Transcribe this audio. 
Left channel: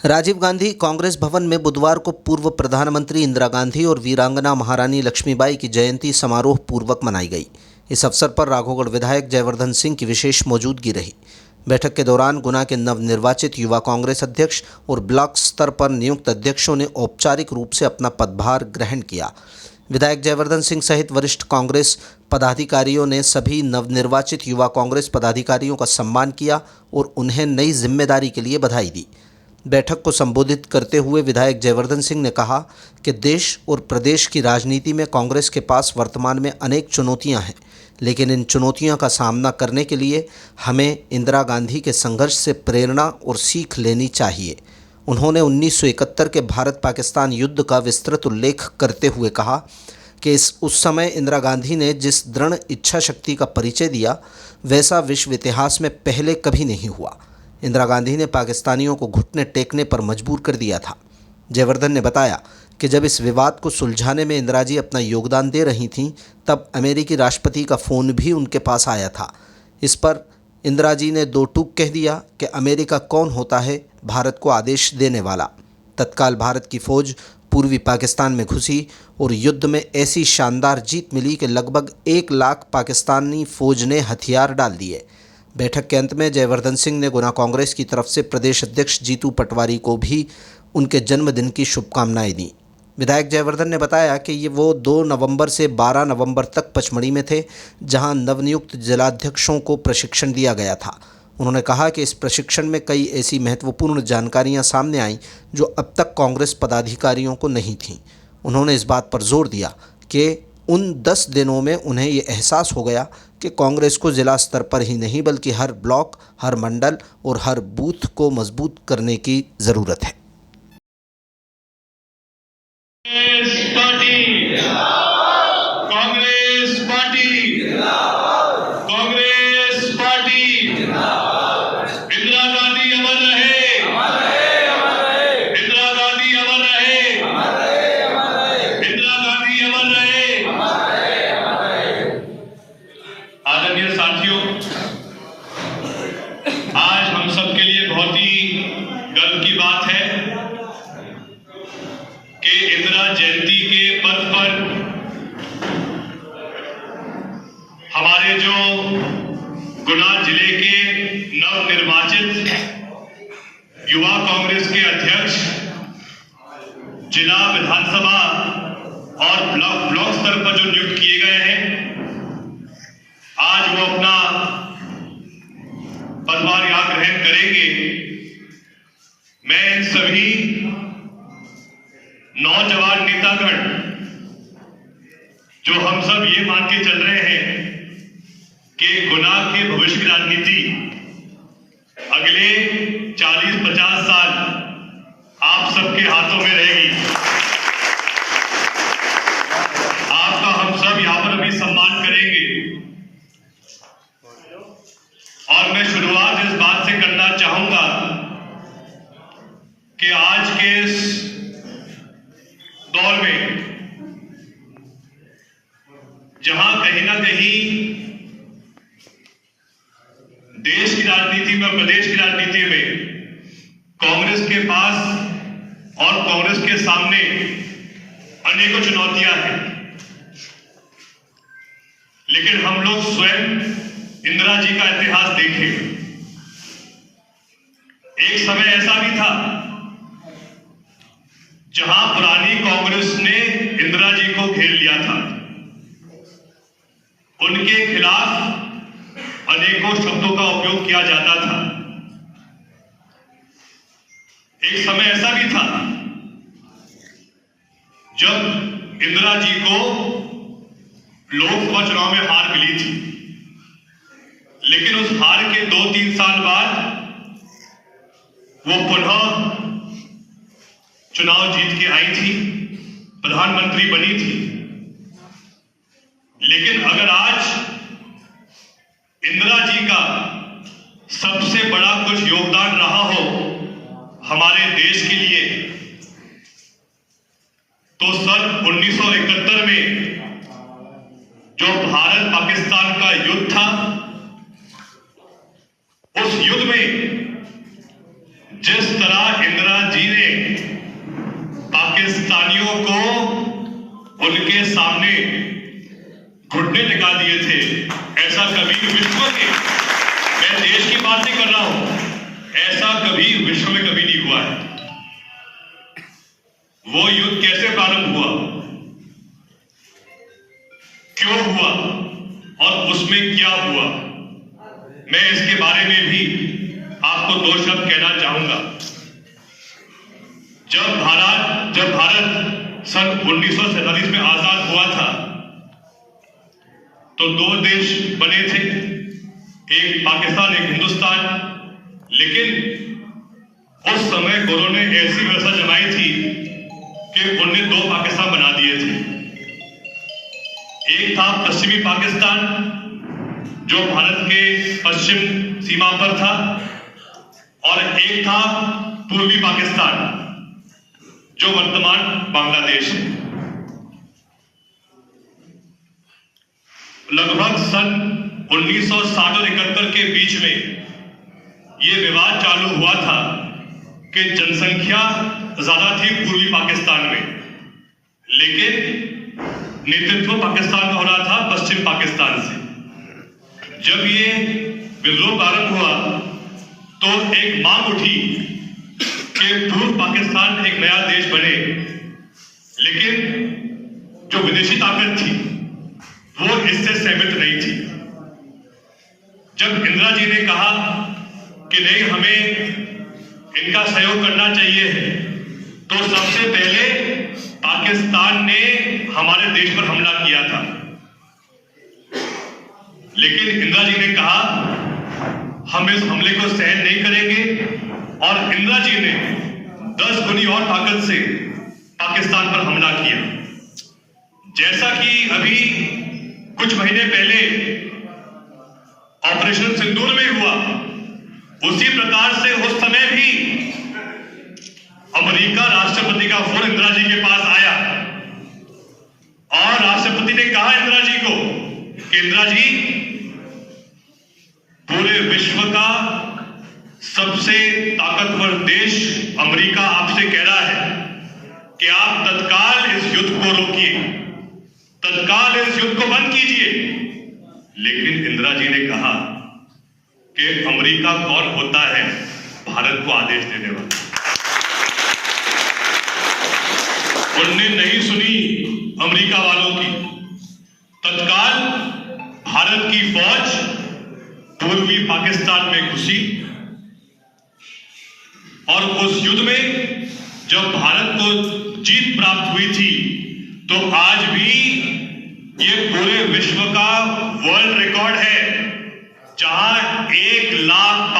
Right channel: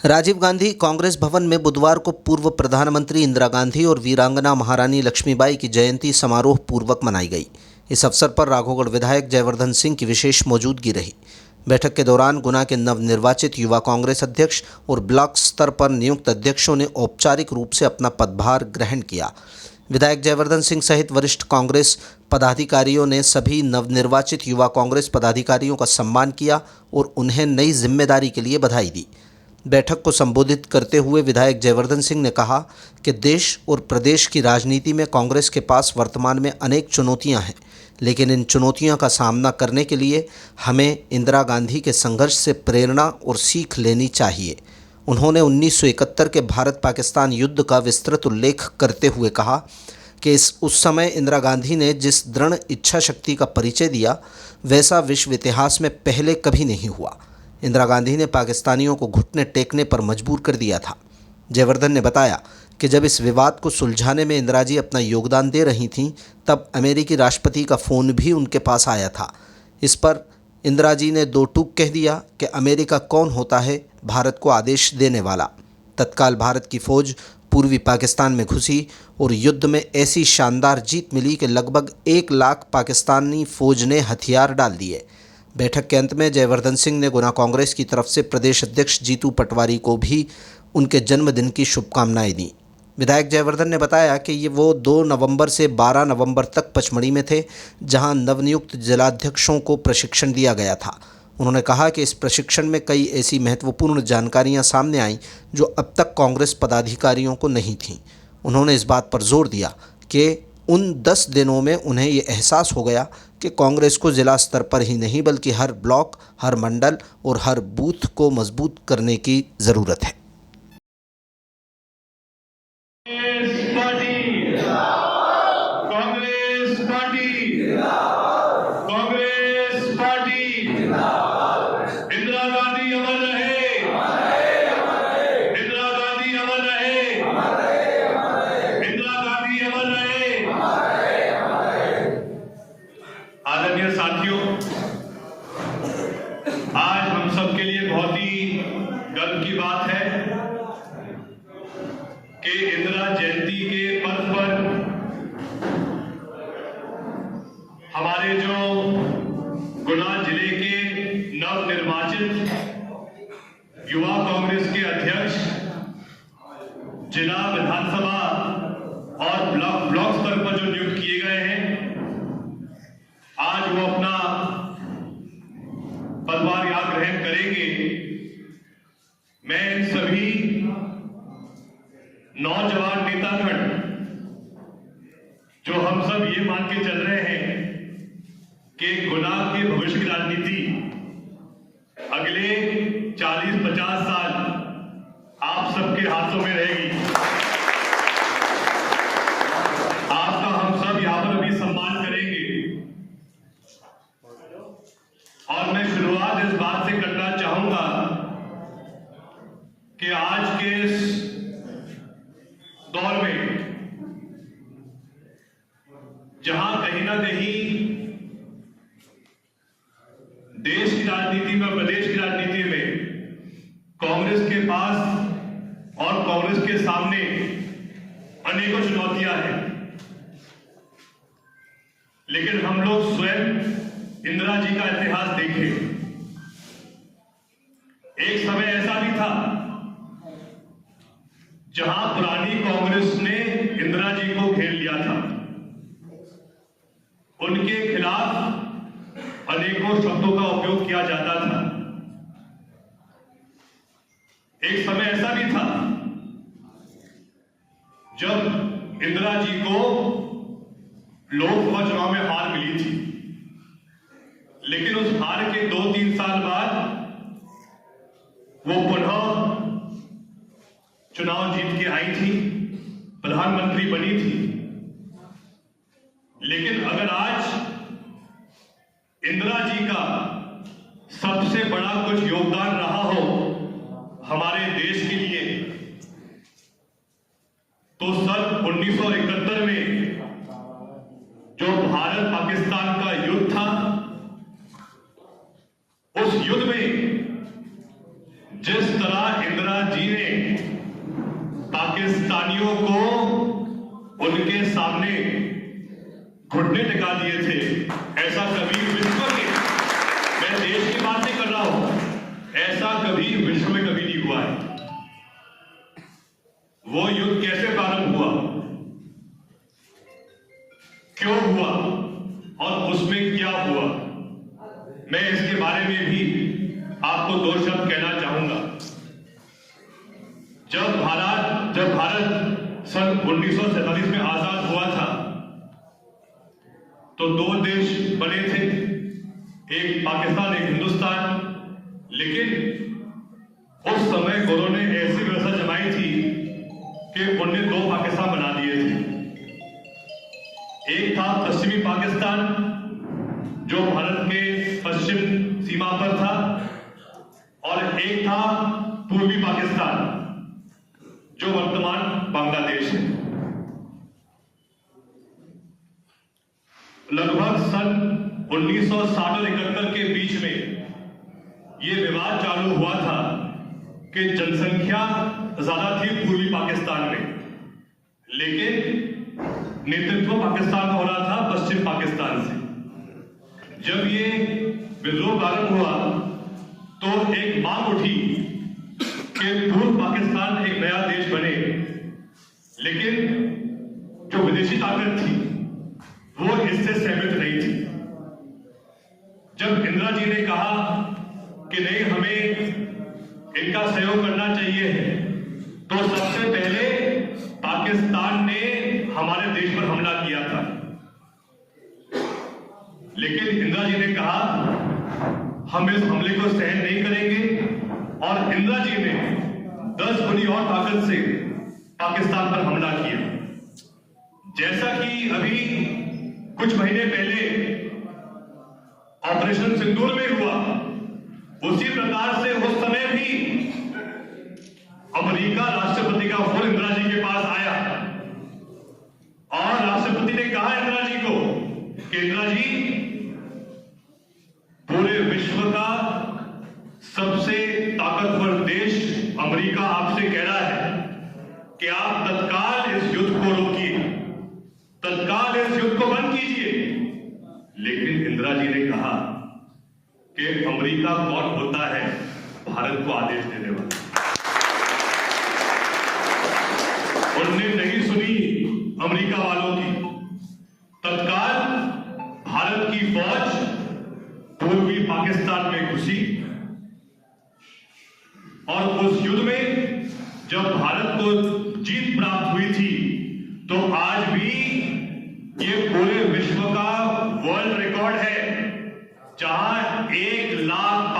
राजीव गांधी कांग्रेस भवन में बुधवार को पूर्व प्रधानमंत्री इंदिरा गांधी और वीरांगना महारानी लक्ष्मीबाई की जयंती समारोह पूर्वक मनाई गई। इस अवसर पर राघोगढ़ विधायक जयवर्धन सिंह की विशेष मौजूदगी रही। बैठक के दौरान गुना के नवनिर्वाचित युवा कांग्रेस अध्यक्ष और ब्लॉक स्तर पर नियुक्त अध्यक्षों ने औपचारिक रूप से अपना पदभार ग्रहण किया। विधायक जयवर्धन सिंह सहित वरिष्ठ कांग्रेस पदाधिकारियों ने सभी नवनिर्वाचित युवा कांग्रेस पदाधिकारियों का सम्मान किया और उन्हें नई जिम्मेदारी के लिए बधाई दी। बैठक को संबोधित करते हुए विधायक जयवर्धन सिंह ने कहा कि देश और प्रदेश की राजनीति में कांग्रेस के पास वर्तमान में अनेक चुनौतियां हैं, लेकिन इन चुनौतियों का सामना करने के लिए हमें इंदिरा गांधी के संघर्ष से प्रेरणा और सीख लेनी चाहिए। उन्होंने 1971 के भारत पाकिस्तान युद्ध का विस्तृत उल्लेख करते हुए कहा कि उस समय इंदिरा गांधी ने जिस दृढ़ इच्छा शक्ति का परिचय दिया, वैसा विश्व इतिहास में पहले कभी नहीं हुआ। इंदिरा गांधी ने पाकिस्तानियों को घुटने टेकने पर मजबूर कर दिया था। जयवर्धन ने बताया कि जब इस विवाद को सुलझाने में इंदिरा जी अपना योगदान दे रही थीं, तब अमेरिकी राष्ट्रपति का फ़ोन भी उनके पास आया था। इस पर इंदिरा जी ने दो टूक कह दिया कि अमेरिका कौन होता है भारत को आदेश देने वाला। तत्काल भारत की फ़ौज पूर्वी पाकिस्तान में घुसी और युद्ध में ऐसी शानदार जीत मिली कि लगभग 1 लाख पाकिस्तानी फ़ौज ने हथियार डाल दिए। बैठक के अंत में जयवर्धन सिंह ने गुना कांग्रेस की तरफ से प्रदेश अध्यक्ष जीतू पटवारी को भी उनके जन्मदिन की शुभकामनाएं दी। विधायक जयवर्धन ने बताया कि वो 2 नवंबर से 12 नवंबर तक पचमढ़ी में थे, जहां नवनियुक्त जिलाध्यक्षों को प्रशिक्षण दिया गया था। उन्होंने कहा कि इस प्रशिक्षण में कई ऐसी महत्वपूर्ण जानकारियां सामने आईं जो अब तक कांग्रेस पदाधिकारियों को नहीं थीं। उन्होंने इस बात पर जोर दिया कि उन 10 दिनों में उन्हें ये एहसास हो गया कि कांग्रेस को जिला स्तर पर ही नहीं बल्कि हर ब्लॉक, हर मंडल और हर बूथ को मजबूत करने की ज़रूरत है। आदरणीय साथियों, आज हम सबके लिए बहुत ही गर्व की बात है कि इंदिरा जयंती के पर्व पर हमारे जो गुना जिले के नवनिर्वाचित युवा कांग्रेस के अध्यक्ष जिला विधानसभा और ब्लॉक स्तर पर जो नियुक्त किए गए हैं, आज वो अपना पदभार ग्रहण करेंगे। मैं इन सभी नौजवान नेतागण जो हम सब ये मान के चल रहे हैं कि गुना के भविष्य की राजनीति अगले 40-50 साल आप सबके हाथों में रहेगी। आपका हम सब यहां पर अभी सम्मान करेंगे और मैं शुरुआत इस बात से करना चाहूंगा कि आज के इस दौर में जहां कहीं ना कहीं देश की राजनीति में और प्रदेश की राजनीति में कांग्रेस के पास और कांग्रेस के सामने अनेकों चुनौतियां हैं, लेकिन हम लोग स्वयं इंदिरा जी का इतिहास देखें। एक समय ऐसा भी था जहां पुरानी कांग्रेस ने इंदिरा जी को घेर लिया था। उनके खिलाफ अनेकों शब्दों का उपयोग किया जाता था। एक समय ऐसा भी था जब इंदिरा जी को लोकसभा चुनाव में हार मिली थी, लेकिन उस हार के 2-3 साल बाद वो पुनः चुनाव जीत के आई थी, प्रधानमंत्री बनी थी। लेकिन अगर आज इंदिरा जी का सबसे बड़ा कुछ योगदान रहा हो हमारे देश के लिए, तो सन 1971 में जो भारत पाकिस्तान का युद्ध था, उस युद्ध में जिस तरह इंदिरा जी ने पाकिस्तानियों को उनके सामने घुटने टिका दिए थे, ऐसा कभी विश्व के, मैं देश की बात नहीं कर रहा हूं, ऐसा कभी विश्व में कभी नहीं हुआ है। वो युद्ध कैसे प्रारंभ हुआ, क्यों हुआ और उसमें क्या हुआ, मैं इसके बारे में भी आपको दो शब्द कहना चाहूंगा। जब भारत सन 1947 में आजाद हुआ था तो दो देश बने थे, एक पाकिस्तान एक हिंदुस्तान। लेकिन उस समय गोरों ने ऐसी व्यवस्था जमाई थी कि उन्होंने दो पाकिस्तान बना दिए थे। एक था पश्चिमी पाकिस्तान जो भारत के पश्चिम सीमा पर था, और एक था पूर्वी पाकिस्तान जो वर्तमान बांग्लादेश है। लगभग सन 1960 और 71 के बीच में यह विवाद चालू हुआ था कि जनसंख्या ज्यादा थी पूर्वी पाकिस्तान में, लेकिन नेतृत्व पाकिस्तान का हो रहा था पश्चिम पाकिस्तान से। जब ये विद्रोह प्रारंभ हुआ तो एक मांग उठी कि पूर्व पाकिस्तान एक नया देश बने, लेकिन जो विदेशी ताकत थी वो इससे सहमत नहीं थी। जब इंदिरा जी ने कहा कि नहीं, हमें इनका सहयोग करना चाहिए, तो सबसे पहले पाकिस्तान ने हमारे देश पर हमला किया था। लेकिन इंदिरा जी ने कहा हम इस हमले को सहन नहीं करेंगे, और इंदिरा जी ने 10 गुनी और ताकत से पाकिस्तान पर हमला किया। जैसा कि अभी कुछ महीने पहले ऑपरेशन सिंदूर में हुआ, उसी प्रकार से उस समय भी अमेरिका राष्ट्रपति का फोन इंदिरा जी के पास आया और राष्ट्रपति ने कहा इंदिरा जी को कि इंदिरा जी, पूरे विश्व का सबसे ताकतवर देश अमेरिका आपसे कह रहा है कि आप तत्काल इस युद्ध को रोकिए, तत्काल इस युद्ध को बंद कीजिए। लेकिन इंदिरा जी ने कहा कि अमेरिका कौन होता है भारत को आदेश देने वाला। उन्होंने नहीं सुनी अमेरिका वालों की। तत्काल भारत की फौज पूर्वी पाकिस्तान में घुसी, और उस युद्ध में जब भारत को जीत प्राप्त हुई थी, तो आज भी ये पूरे विश्व का वर्ल्ड रिकॉर्ड है, जहां 1 लाख